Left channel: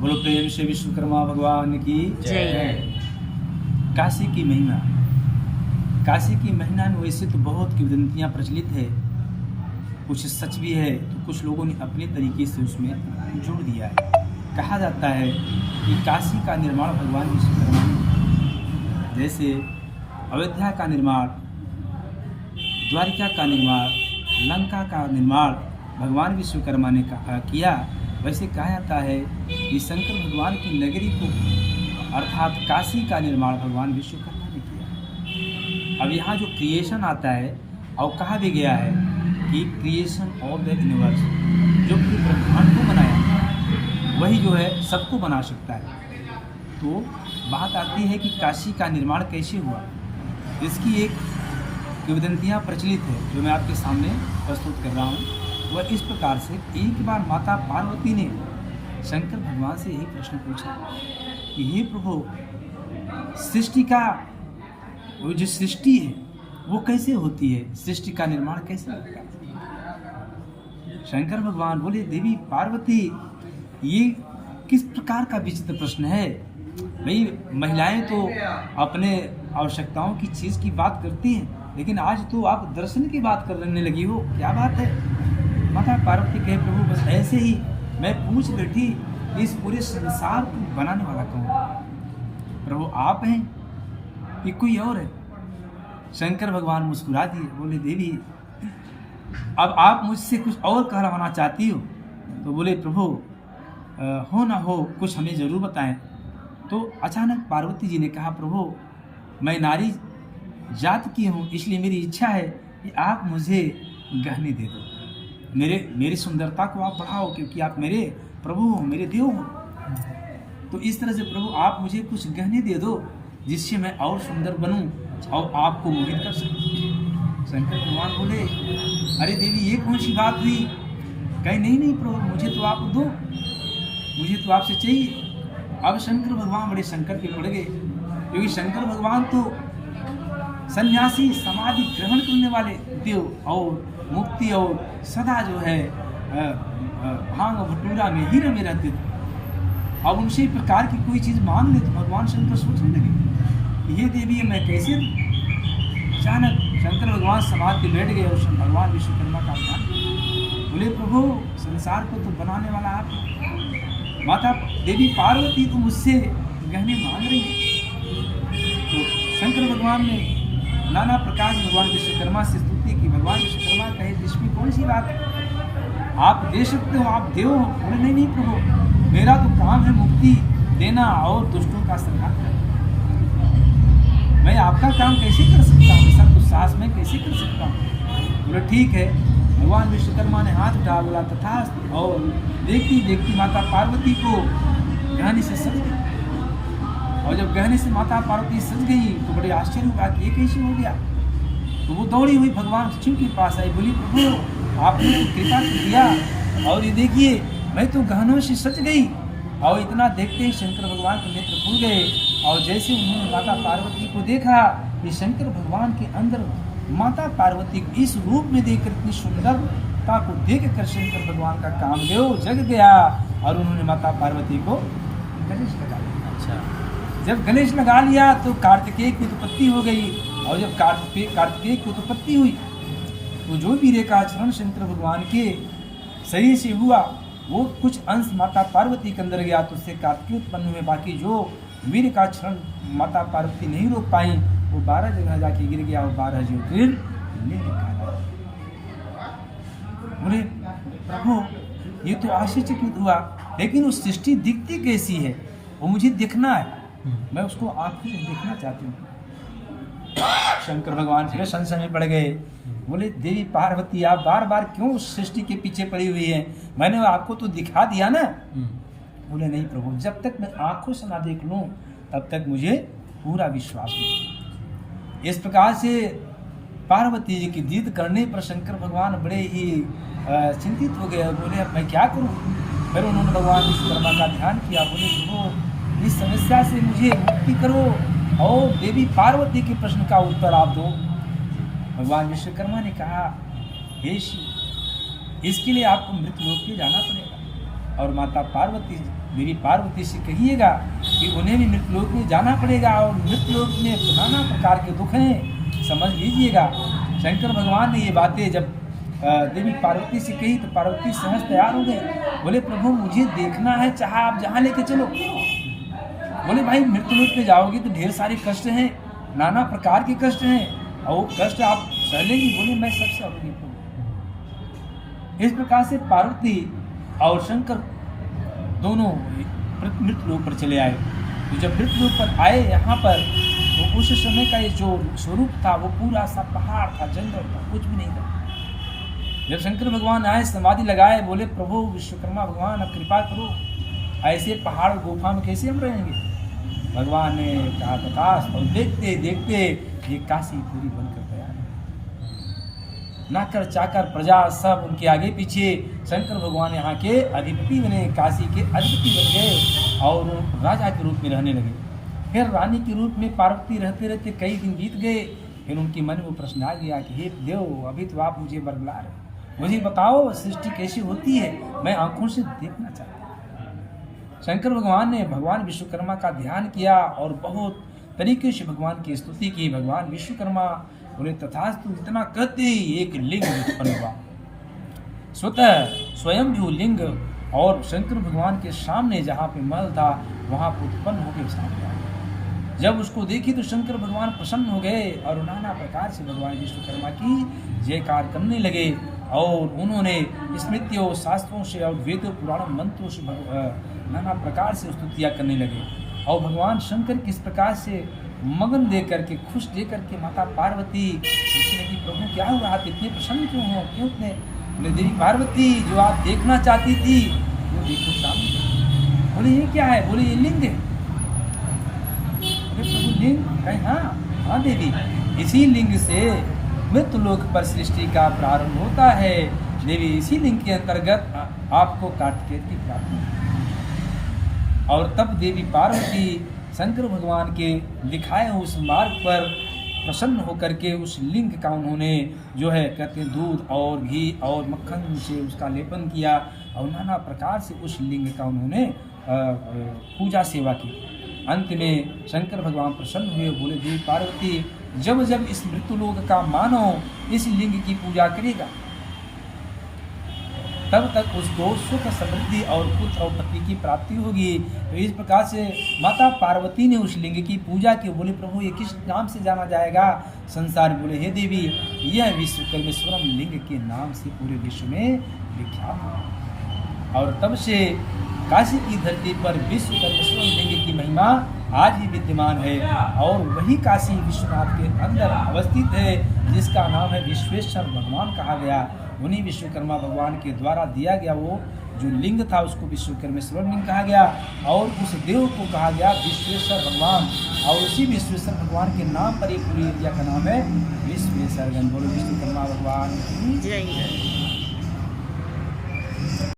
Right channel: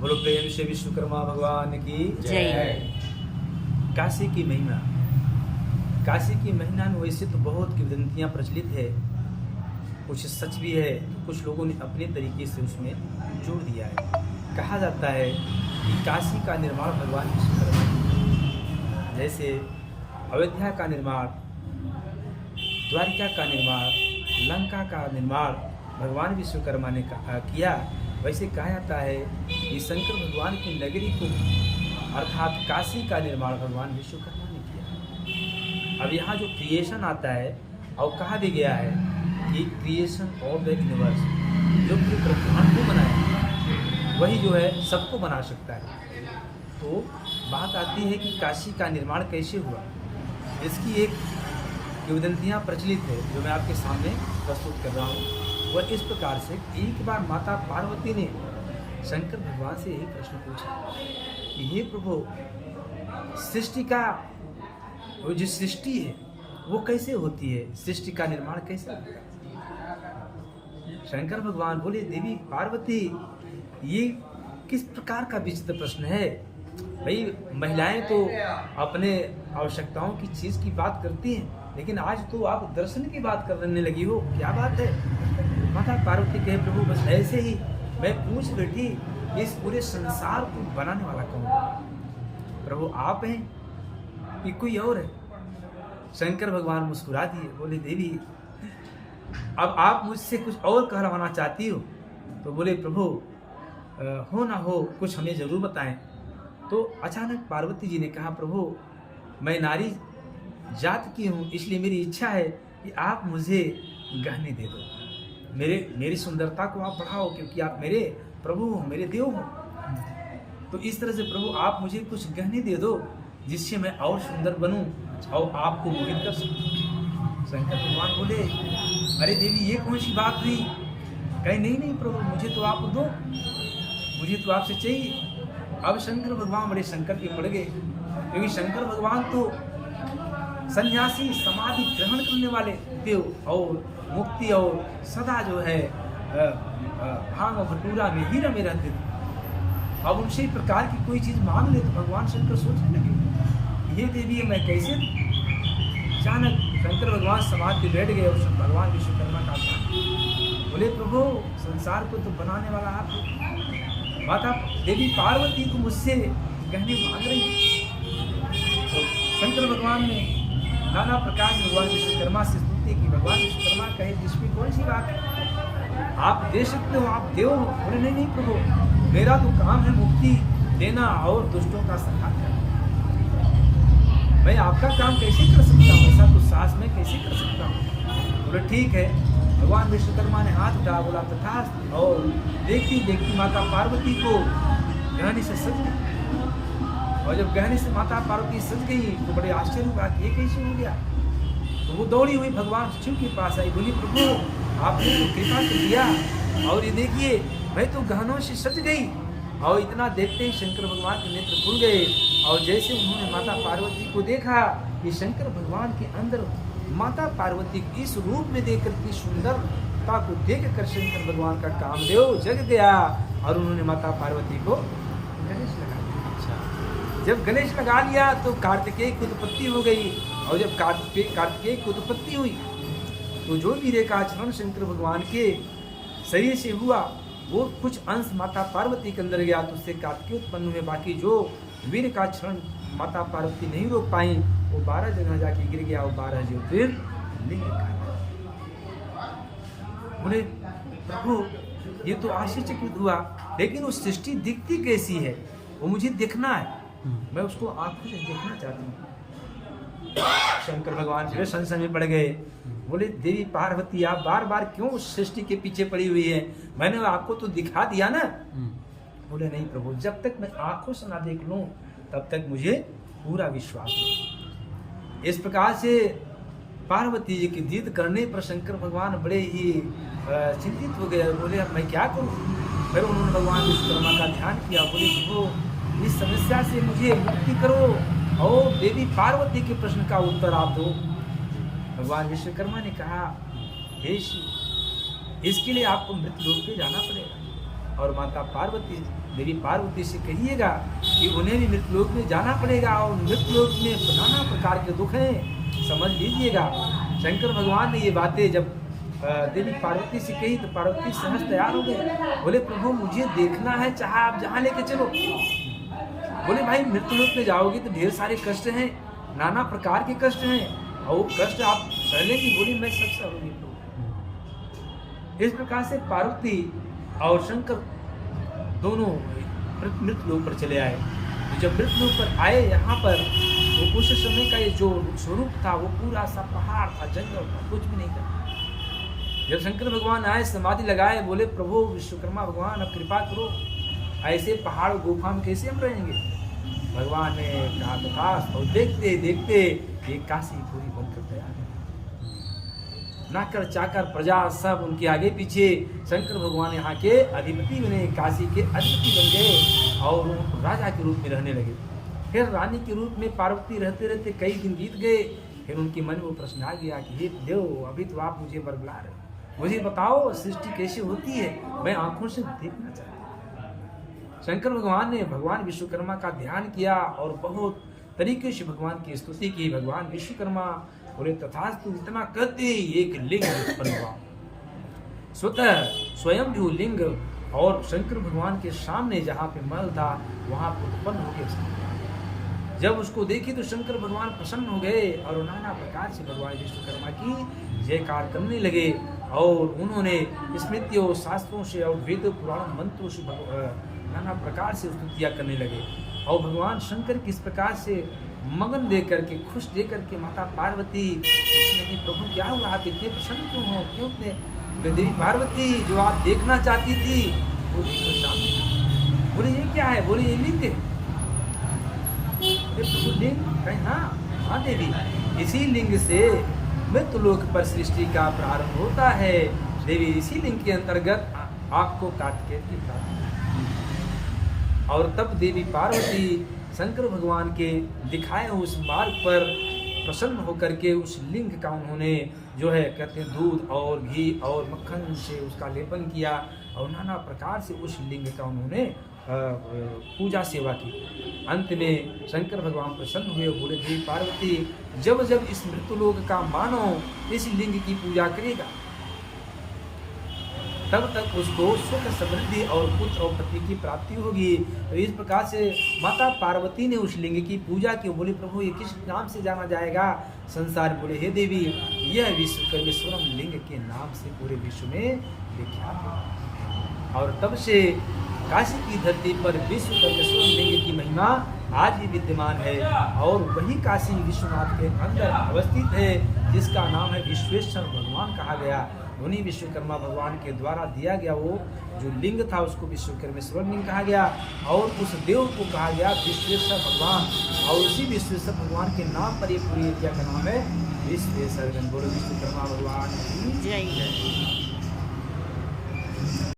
बोलो प्रेम से विश्वकर्मा भगवान की जय। काशी की महिमा। काशी की महिमा में वैसे तो बहुत किंवदंतियाँ प्रचलित है, कुछ सच भी है तो कुछ लोगों ने अपने तरीके से उसमें जोड़ दिया है। कहा जाता है कि काशी का निर्माण भगवान विश्वकर्मा ने, जैसे अयोध्या का निर्माण, द्वारिका का निर्माण, लंका का निर्माण भगवान विश्वकर्मा ने किया, वैसे कहा जाता है कि शंकर भगवान की नगरी को अर्थात काशी का निर्माण भगवान विश्वकर्मा ने किया। अब यहाँ जो क्रिएशन आता है और कहा भी गया है कि क्रिएशन ऑफ द यूनिवर्स, जो कि ब्रह्मांड को बनाया वही जो है सबको बना सकता है। तो बात आती है कि काशी का निर्माण कैसे हुआ, इसकी एक किंवदंतियाँ प्रचलित है जो मैं आपके सामने प्रस्तुत कर रहा हूँ। वह इस प्रकार से, एक बार माता पार्वती ने शंकर भगवान से यही प्रश्न पूछा कि हे प्रभु, सृष्टि का वो जो सृष्टि है वो कैसे होती है, सृष्टि का निर्माण कैसे होता है। शंकर भगवान बोले, देवी पार्वती, ये किस प्रकार का विचित्र प्रश्न है। भाई महिलाएं तो अपने आवश्यकताओं की चीज की बात करती हैं, लेकिन आज तो आप दर्शन की बात करने लगी हो, क्या बात है। माता पार्वती कहे, प्रभु बस ऐसे ही मैं पूछ बैठी, इस पूरे संसार को बनाने वाला कौन। प्रभु आप हैं कि कोई और है। शंकर भगवान मुस्कुरा दिए, बोले, देवी अब आप मुझसे कुछ और कहवाना चाहती हो तो बोले, प्रभु हो ना हो कुछ हमें जरूर बताएं। तो अचानक पार्वती जी ने कहा, प्रभु मैं नारी जात की हूँ, इसलिए मेरी इच्छा है कि आप मुझे गहने दे दो, मेरी सुंदरता को आप बढ़ाओ, क्योंकि आप मेरे प्रभु हो, मेरे देव हो। तो इस तरह से प्रभु आप मुझे कुछ गहने दे दो जिससे मैं और सुंदर बनूं और आपको मोहित कर सकूं। शंकर भगवान बोले, अरे देवी ये कौन सी बात हुई। कहे, नहीं प्रभु, मुझे तो आप दो, मुझे तो आपसे चाहिए। अब शंकर भगवान बड़े संकट के पड़ गए, क्योंकि शंकर भगवान तो सन्यासी समाधि ग्रहण करने वाले देव और मुक्ति और सदा जो है भांग भटूरा में ही रमे रहते थे। अब उनसे प्रकार की कोई चीज़ मांग ले तो भगवान शंकर सोचने लगे, ये देवी मैं कैसे। अचानक शंकर भगवान समाधि बैठ गए और भगवान विश्वकर्मा का ध्यान, बोले, प्रभु संसार को तो बनाने वाला आप, माता देवी पार्वती तो मुझसे गहने मांग रही है। तो शंकर भगवान ने नाना प्रकार से भगवान विश्वकर्मा से स्तुति की। भगवान विश्वकर्मा कहे, इसमें कौन सी बात है, आप दे सकते हो, आप देव हो। बोले, नहीं प्रभु, मेरा तो काम है मुक्ति देना और दुष्टों का संहार करना। मैं आपका काम कैसे कर सकता हूँ, ऐसा तो साहस मैं कैसे कर सकता हूँ। बोले, ठीक है। भगवान विश्वकर्मा ने हाथ उठा, बोला तथास्तु, और देखती देखती माता पार्वती को गहने से सज गई। और जब गहने से माता पार्वती सज गई तो बड़े आश्चर्य हुआ कि ये कैसे हो गया। तो वो दौड़ी हुई भगवान शिव के पास आई, बोली, प्रभु आपने तो कृपा कर दिया, और ये देखिए मैं तो गहनों से सज गई। और इतना देखते ही शंकर भगवान के नेत्र खुल गए, और जैसे उन्होंने माता पार्वती को देखा कि शंकर भगवान के अंदर माता पार्वती को इस रूप में देखकर, इतनी सुंदरता को देख कर शंकर भगवान का कामदेव जग गया, और उन्होंने माता पार्वती को गणेश लगा लिया। अच्छा, जब गणेश लगा लिया तो कार्तिकेय की उत्पत्ति हो गई, और जब कार्तिकेय की उत्पत्ति हुई तो जो वीर्य का आचरण शंकर भगवान के शरीर से हुआ वो कुछ अंश माता पार्वती के अंदर गया, तो उससे कार्तिकेय उत्पन्न हुए। बाकी जो वीर का क्षरण माता पार्वती नहीं रोक पाई वो 12 जगह जाके गिर गया, और 12 ज्योतिर्लिंग ले लिखा। बोले, प्रभु ये तो आश्चर्यचकित हुआ, लेकिन वो सृष्टि दिखती कैसी है वो मुझे देखना है, मैं उसको आंखों से देखना चाहती हूँ। शंकर भगवान फिर संशय में पड़ गए। बोले, देवी पार्वती आप बार बार क्यों उस सृष्टि के पीछे पड़ी हुई है, मैंने आपको तो दिखा दिया ना। बोले, नहीं प्रभु, जब तक मैं आंखों से ना देख लूं तब तक मुझे पूरा विश्वास नहीं। इस प्रकार से पार्वती जी की जिद करने पर शंकर भगवान बड़े ही चिंतित हो गए। बोले, अब मैं क्या करूं। फिर उन्होंने भगवान विश्वकर्मा का ध्यान किया। बोले, प्रभु इस समस्या से मुझे मुक्ति करो और देवी पार्वती के प्रश्न का उत्तर आप दो। भगवान विश्वकर्मा ने कहा, हे शिव, इसके लिए आपको मृत्यु लोक पे जाना पड़ेगा और माता पार्वती देवी पार्वती से कहिएगा कि उन्हें भी मृतलोक में जाना पड़ेगा और मृतलोक में नाना प्रकार के दुख हैं, समझ लीजिएगा। शंकर भगवान ने ये बातें जब देवी पार्वती से कही तो पार्वती सहज तैयार हो गए। बोले प्रभु मुझे देखना है, चाहे आप जहाँ लेके चलो। बोले भाई मृतलोक में जाओगे तो ढेर सारे कष्ट हैं, नाना प्रकार के कष्ट हैं और वो कष्ट आप सह लेंगी। बोले मैं सब सहूंगी प्रभु। इस प्रकार से पार्वती और शंकर दोनों मृतलोक पर चले आए। तो जब मृतलोक पर आए यहाँ पर तो उस समय का ये जो स्वरूप था वो पूरा सा पहाड़ था, जंगल था, कुछ भी नहीं था। जब शंकर भगवान आए समाधि लगाए, बोले प्रभु विश्वकर्मा भगवान अब कृपा करो, ऐसे पहाड़ गुफा में कैसे हम रहेंगे। भगवान ने कहा तथास्तु। और देखते देखते एक काशी पूरी बनकर तैयार है। नाकर चाकर प्रजा सब उनके आगे पीछे। शंकर भगवान यहाँ के अधिपति बने, काशी के अधिपति बन गए और वो राजा के रूप में रहने लगे। फिर रानी के रूप में पार्वती रहते रहते कई दिन बीत गए। फिर उनके मन में वो प्रश्न आ गया कि हे देव, अभी तो आप मुझे बरगला रहे, मुझे बताओ सृष्टि कैसी होती है, मैं आंखों से देखना चाहता हूँ। शंकर भगवान ने भगवान विश्वकर्मा का ध्यान किया और बहुत तरीके से भगवान की स्तुति की। भगवान विश्वकर्मा बोले तथास्तु। जितना कहते ही एक लिंग उत्पन्न हुआ, स्वतः स्वयं भी लिंग, और शंकर भगवान के सामने जहाँ पे महल था वहाँ पर उत्पन्न होकर सामने आ गया। जब उसको देखी तो शंकर भगवान प्रसन्न हो गए और नाना प्रकार से भगवान विश्वकर्मा की जयकार करने लगे और उन्होंने स्मृतियों शास्त्रों से और वेद पुराण मंत्रों से नाना प्रकार से स्तुतियाँ करने लगे। और भगवान शंकर किस प्रकार से मगन दे करके, खुश दे करके माता पार्वती पूछने की प्रभु क्या हुआ, आप इतने प्रसन्न क्यों हो, क्यों इतने। बोले देवी पार्वती जो आप देखना चाहती थी वो देखो सामने। बोले ये क्या है, बोले ये लिंग है। बोले प्रभु लिंग कहीं, हाँ देवी, इसी लिंग से मृतलोक पर सृष्टि का प्रारंभ होता है देवी। इसी लिंग के अंतर्गत आपको कार्तिकेय की प्राप्ति। और तब देवी पार्वती शंकर भगवान के दिखाए उस मार्ग पर प्रसन्न होकर के उस लिंग का उन्होंने जो है कहते हैं दूध और घी और मक्खन से उसका लेपन किया और नाना प्रकार से उस लिंग का उन्होंने पूजा सेवा की। अंत में शंकर भगवान प्रसन्न हुए, बोले देवी पार्वती जब जब इस मृत्युलोक का मानव इस लिंग की पूजा करेगा तब तक उसको सुख समृद्धि और पुत्र और पत्नी की प्राप्ति होगी। तो इस प्रकार से माता पार्वती ने उस लिंग की पूजा की। बोले प्रभु ये किस नाम से जाना जाएगा संसार। बोले हे देवी यह विश्वकर्मेश्वरम लिंग के नाम से पूरे विश्व में विख्यात है। और तब से काशी की धरती पर विश्वकर्मेश्वर लिंग की महिमा आज भी विद्यमान है और वही काशी विश्वनाथ के अंदर अवस्थित है जिसका नाम है विश्वेश्वर भगवान कहा गया। उन्हीं विश्वकर्मा भगवान के द्वारा दिया गया वो जो लिंग था उसको विश्वकर्मेश्वर लिंग कहा गया और उस देव को कहा गया विश्वेश्वर भगवान। और उसी विश्वेश्वर भगवान के नाम पर एक पूरी एरिया का नाम है विश्वेश्वर। बोलो विश्वकर्मा भगवान जय।